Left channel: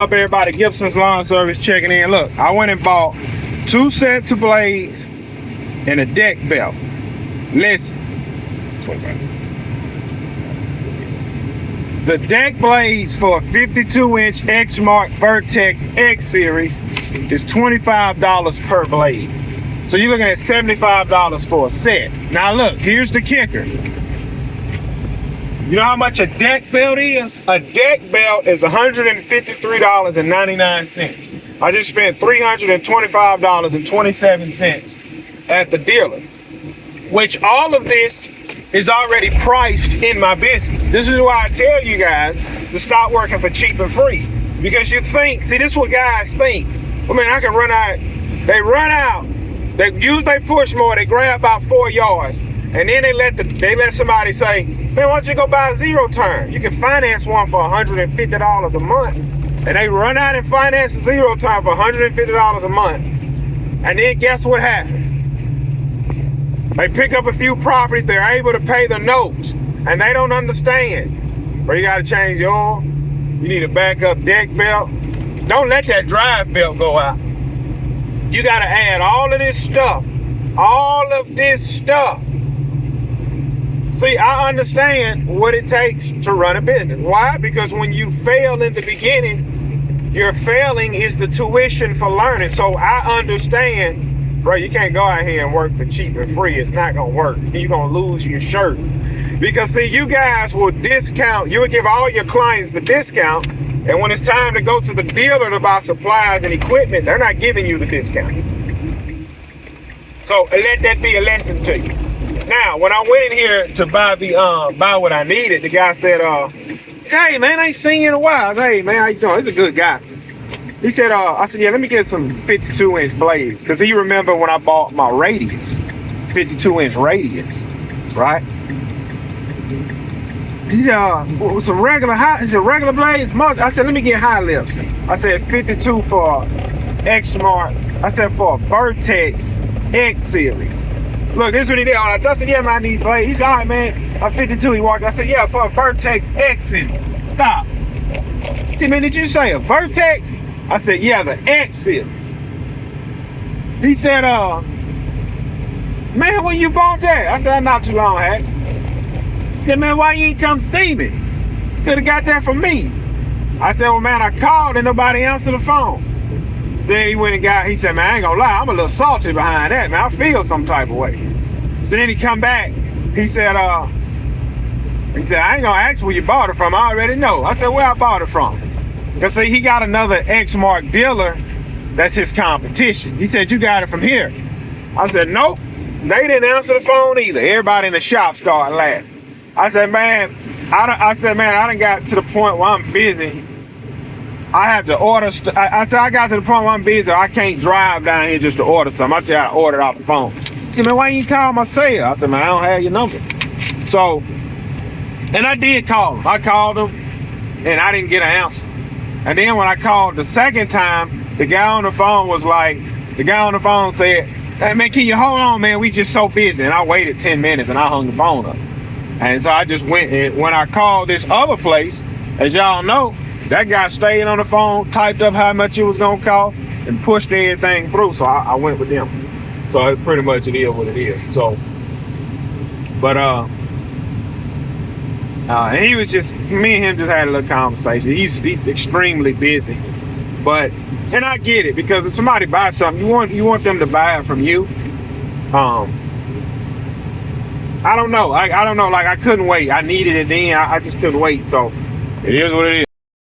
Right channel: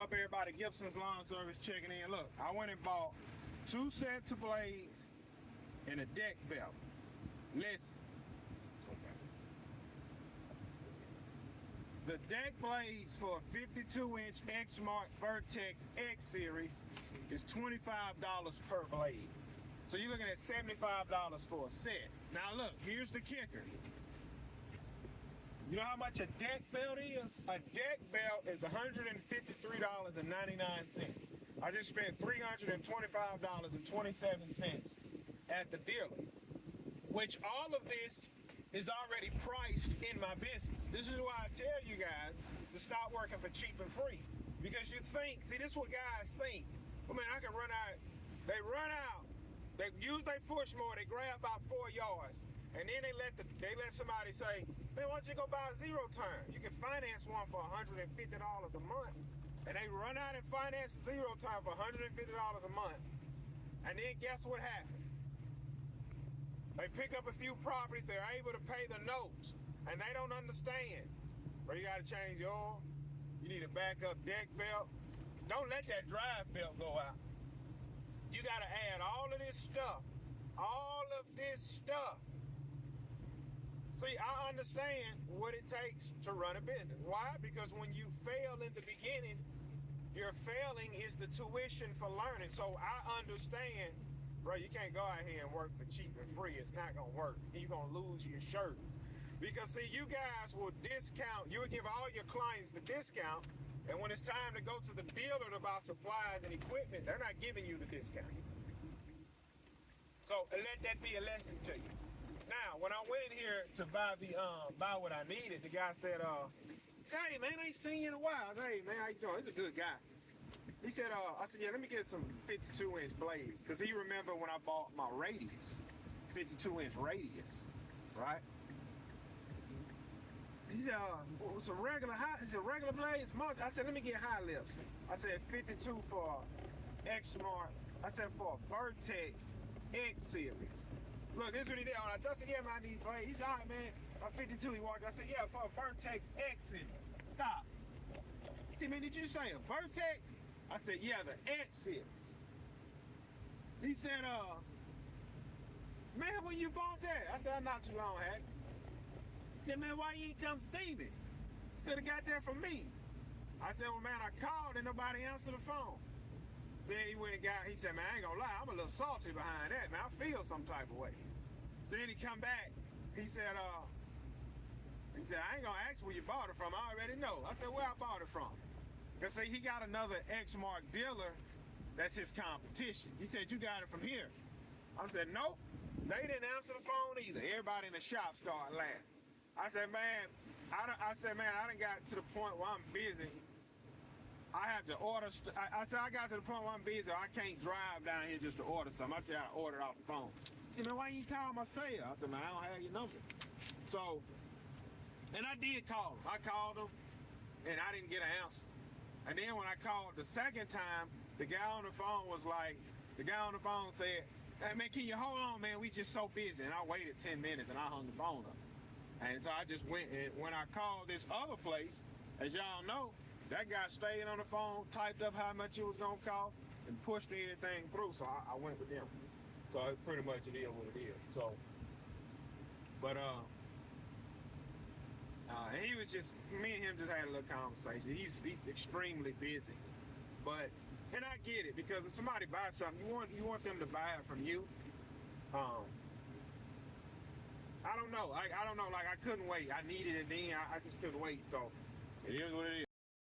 Up everybody, Gibson's Lawn Service checking in. Look, I went and bought 2 sets of blades and a deck belt. Listen, 25 minutes. The deck blades for a 52-inch Exmark Vertex X Series is $25 per blade. So you're looking at $75 for a set. Now look, here's the kicker. You know how much a deck belt is? A deck belt is $153.99. I just spent $325.27 at the dealer, which all of this is already priced in my business. This is why I tell you guys to stop working for cheap and free. Because you think, see, this is what guys think. I mean, I can run out. They run out. They use their push mower. They grab about 4 yards. And then they let somebody say, man, why don't you go buy a zero turn? You can finance one for $150 a month. And they run out and finance a zero turn for $150 a month. And then guess what happened? They pick up a few properties, they're able to pay the notes, and they don't understand. Or you gotta change your oil, you need a backup deck belt. Don't let that drive belt go out. You gotta add all of this stuff. All of this stuff. See, I understand what it takes to run a business. Why? Because when you fail in the beginning, your failing is the tuition for learning. So I understand, bro, you can't go out here and work for cheap and free. It's not gonna work. You're gonna lose your shirt. Because see, you guys will discount, you will give all your clients the discount, and when it's time to go to the dealer to buy supplies and equipment, they're not giving you the discount. So let that be a lesson to you. Now, when I went in here to buy buy what I needed, the guy said, hey man, I ain't seen you in a while. I said, hey man, how you doing? He's a good guy. He said, I said, yeah, let me get some 52-inch blades. Because he remembered when I bought my radius, 52-inch radius, right? He said, some regular regular blades? I said, let me get high lips. I said, 52 for Exmark. I said, for a Vertex X Series. Look, this is what he did. I said, yeah, man, I need blades. He said, all right, man, I'm 52. He walked. I said, yeah, for a Vertex X Series. Stop. He said, man, did you say a Vertex? I said, yeah, the X Series. He said, man, when you bought that? I said, not too long, had. He said, man, why you ain't come see me? Could have got that from me. I said, well, man, I called and nobody answered the phone. Then he went and he said, man, I ain't gonna lie, I'm a little salty behind that, man. I feel some type of way. So then he come back, he said, I ain't gonna ask where you bought it from, I already know. I said, where I bought it from? Because see, he got another Exmark dealer that's his competition. He said, you got it from here. I said, nope, they didn't answer the phone either. Everybody in the shop started laughing. I said, man, I done got to the point where I'm busy. I have to order, I said, I got to the point where I'm busy. I can't drive down here just to order something. I just got to order it off the phone. He said, man, why you call my cell? I said, man, I don't have your number. So, and I did call him. I called him and I didn't get an answer. And then when I called the second time, the guy on the phone said, hey man, can you hold on, man? We just so busy. And I waited 10 minutes and I hung the phone up. And so I just went, and when I called this other place, as y'all know, that guy stayed on the phone, typed up how much it was gonna cost, and pushed everything through. So I went with them. So pretty much it is what it is. So, but and he was just, me and him just had a little conversation. He's extremely busy, but, and I get it, because if somebody buys something, you want them to buy it from you. I don't know. I don't know. Like, I couldn't wait. I needed it then. I just couldn't wait. So it is what it is.